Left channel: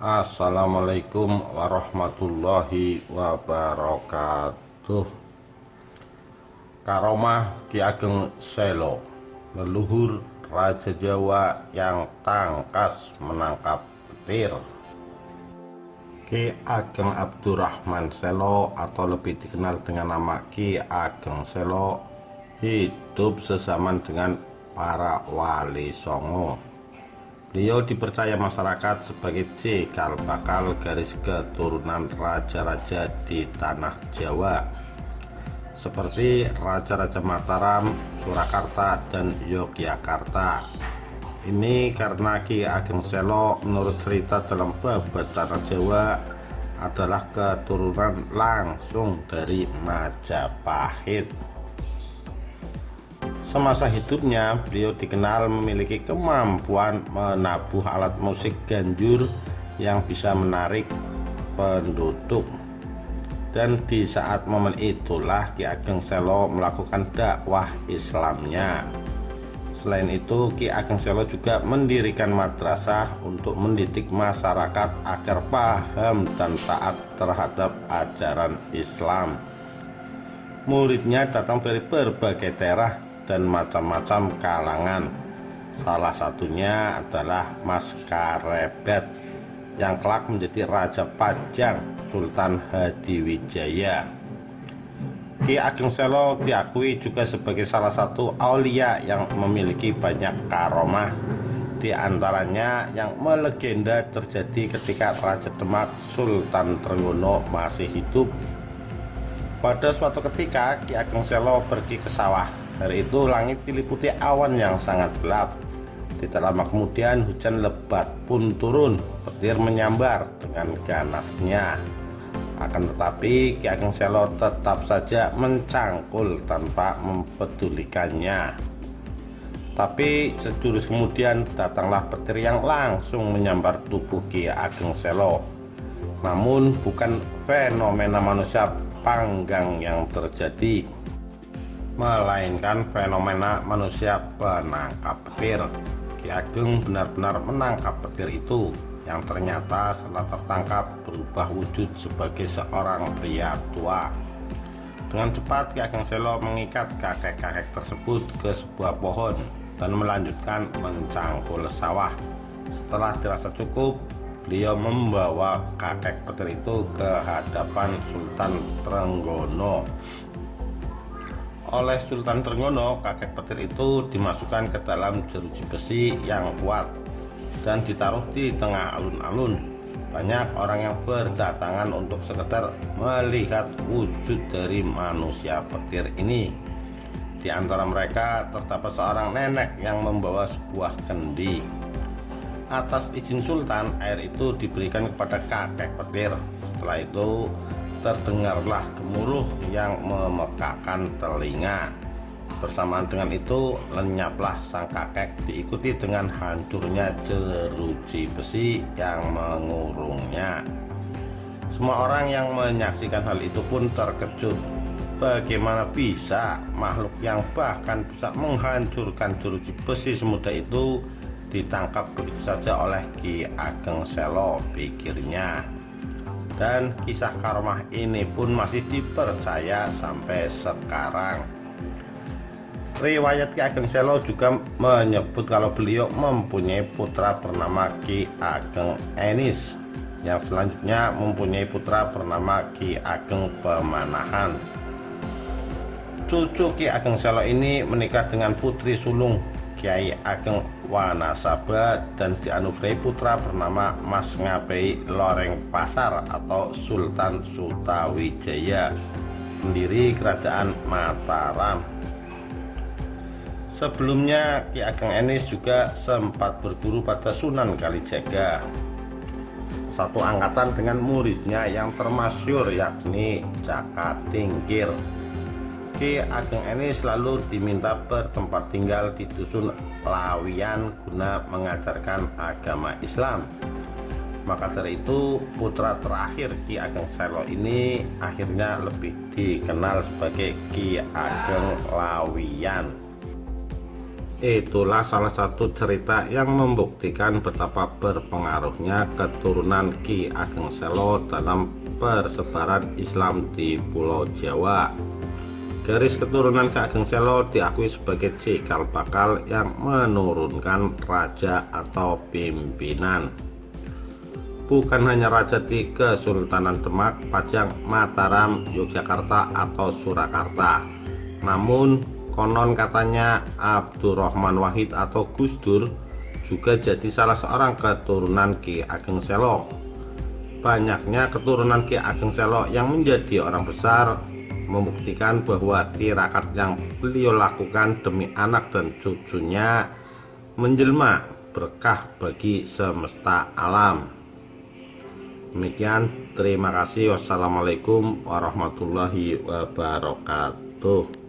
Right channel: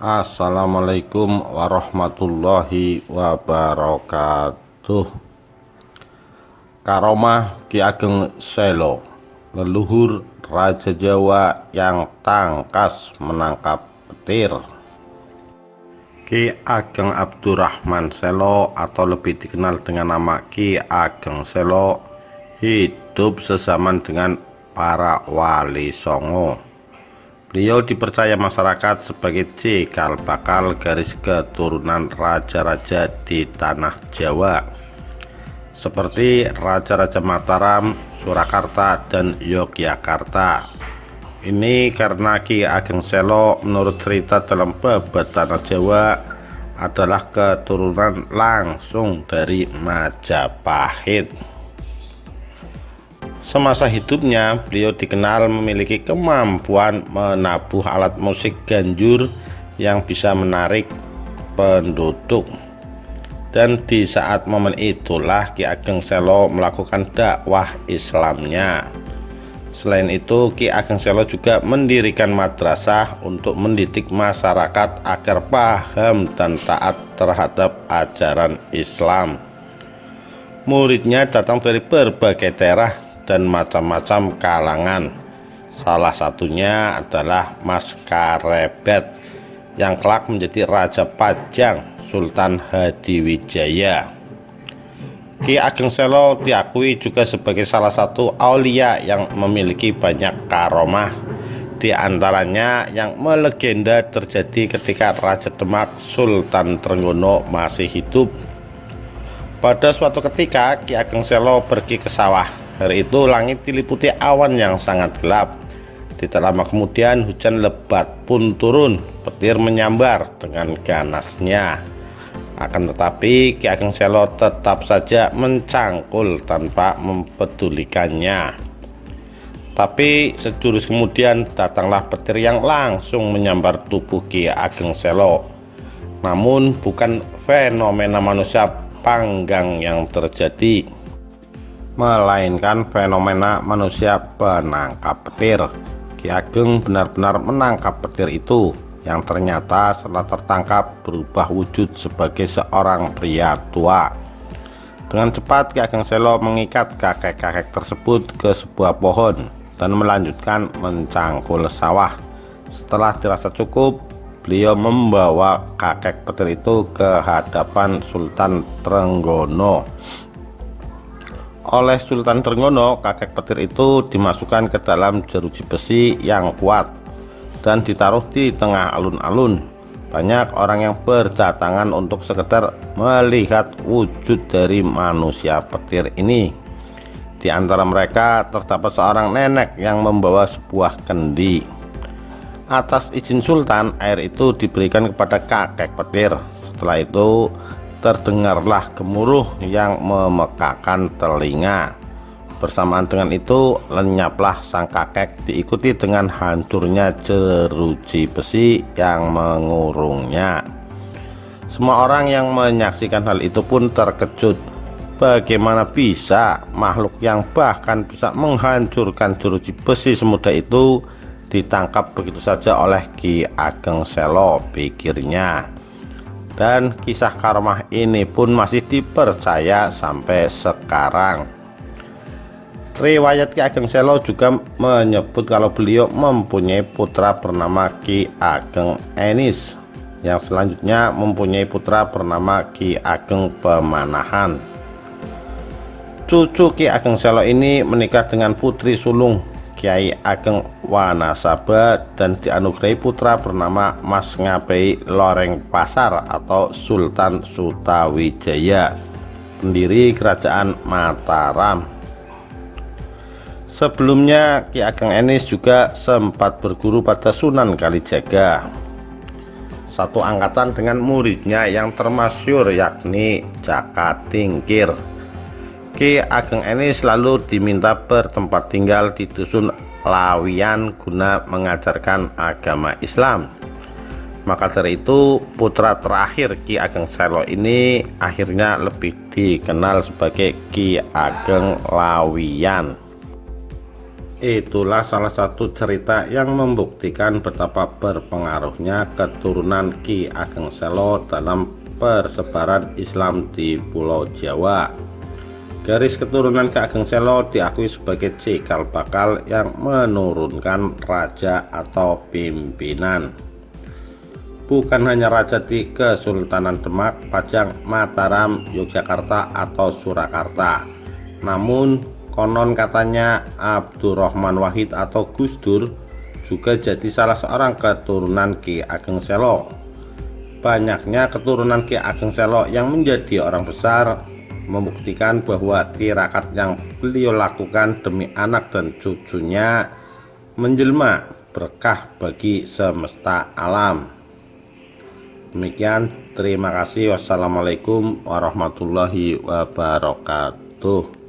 Assalamualaikum warahmatullahi wabarakatuh. Karomah Ki Ageng Selo, leluhur Raja Jawa yang tangkas menangkap petir. Ki Ageng Abdurrahman Selo atau lebih dikenal dengan nama Ki Ageng Selo hidup sezaman dengan para wali songo. Beliau dipercaya masyarakat sebagai cikal bakal garis keturunan raja-raja di tanah Jawa seperti Raja-Raja Mataram, Surakarta, dan Yogyakarta. Ini karena Ki Ageng Selo menurut cerita dalam babat tanah Jawa adalah keturunan langsung dari Majapahit. Semasa hidupnya, beliau dikenal memiliki kemampuan menabuh alat musik ganjur yang bisa menarik penduduk. Dan di saat momen itulah Ki Ageng Selo melakukan dakwah Islamnya. Selain itu, Ki Ageng Selo juga mendirikan madrasah untuk mendidik masyarakat agar paham dan taat terhadap ajaran Islam. Muridnya datang dari berbagai daerah dan macam-macam kalangan. Salah satunya adalah Mas Karebet yang kelak menjadi Raja Pajang Sultan Hadiwijaya. Ki Ageng Selo diakui juga sebagai salah satu aulia yang memiliki banyak karomah. Di antaranya yang melegenda terjadi ketika Raja Demak Sultan Trenggono masih hidup. Pada suatu ketika Ki Ageng Selo pergi ke sawah. Hari itu langit diliputi awan yang sangat gelap. Tidak lama kemudian hujan lebat pun turun. Petir menyambar dengan ganasnya. Akan tetapi Ki Ageng Selo tetap saja mencangkul tanpa mempedulikannya. Tapi sejurus kemudian datanglah petir yang langsung menyambar tubuh Ki Ageng Selo. Namun bukan fenomena manusia panggang yang terjadi, melainkan fenomena manusia penangkap petir. Ki Ageng benar-benar menangkap petir itu, yang ternyata setelah tertangkap berubah wujud sebagai seorang pria tua. Dengan cepat Ki Ageng Selo mengikat kakek-kakek tersebut ke sebuah pohon dan melanjutkan mencangkul sawah. Setelah dirasa cukup, beliau membawa kakek petir itu ke hadapan Sultan Trenggono. Oleh Sultan Trenggono, kakek petir itu dimasukkan ke dalam jeruji besi yang kuat dan ditaruh di tengah alun-alun. Banyak orang yang berdatangan untuk sekedar melihat wujud dari manusia petir ini. Di antara mereka terdapat seorang nenek yang membawa sebuah kendi. Atas izin Sultan, air itu diberikan kepada kakek petir. Setelah itu terdengarlah gemuruh yang memekakan telinga. Bersamaan dengan itu lenyaplah sang kakek, diikuti dengan hancurnya jeruji besi yang mengurungnya. Semua orang yang menyaksikan hal itu pun terkejut. Bagaimana bisa makhluk yang bahkan bisa menghancurkan jeruji besi semudah itu ditangkap begitu saja oleh Ki Ageng Selo, pikirnya. Dan kisah karomah ini pun masih dipercaya sampai sekarang. Riwayat Ki Ageng Selo juga menyebut kalau beliau mempunyai putra bernama Ki Ageng Enis, yang selanjutnya mempunyai putra bernama Ki Ageng Pemanahan. Cucu Ki Ageng Selo ini menikah dengan putri sulung Kiai Ageng Wanasaba dan dianugerahi putra bernama Mas Ngabei Loreng Pasar atau Sultan Sutawijaya, pendiri kerajaan Mataram. Sebelumnya Ki Ageng Enis juga sempat berguru pada Sunan Kalijaga, satu angkatan dengan muridnya yang termasyhur yakni Jaka Tingkir. Ki Ageng Enis lalu diminta bertempat tinggal di dusun Lawian guna mengajarkan agama Islam. Maka dari itu putra terakhir Ki Ageng Selo ini akhirnya lebih dikenal sebagai Ki Ageng Lawian. Itulah salah satu cerita yang membuktikan betapa berpengaruhnya keturunan Ki Ageng Selo dalam persebaran Islam di Pulau Jawa. Garis keturunan Ki Ageng Selo diakui sebagai cikal bakal yang menurunkan raja atau pimpinan. Bukan hanya raja di Kesultanan Demak, Pajang, Mataram, Yogyakarta atau Surakarta, namun konon katanya Abdurrahman Wahid atau Gus Dur juga jadi salah seorang keturunan Ki Ageng Selo. Banyaknya keturunan Ki Ageng Selo yang menjadi orang besar membuktikan bahwa tirakat yang beliau lakukan demi anak dan cucunya menjelma berkah bagi semesta alam. Demikian, terima kasih. Wassalamualaikum warahmatullahi wabarakatuh.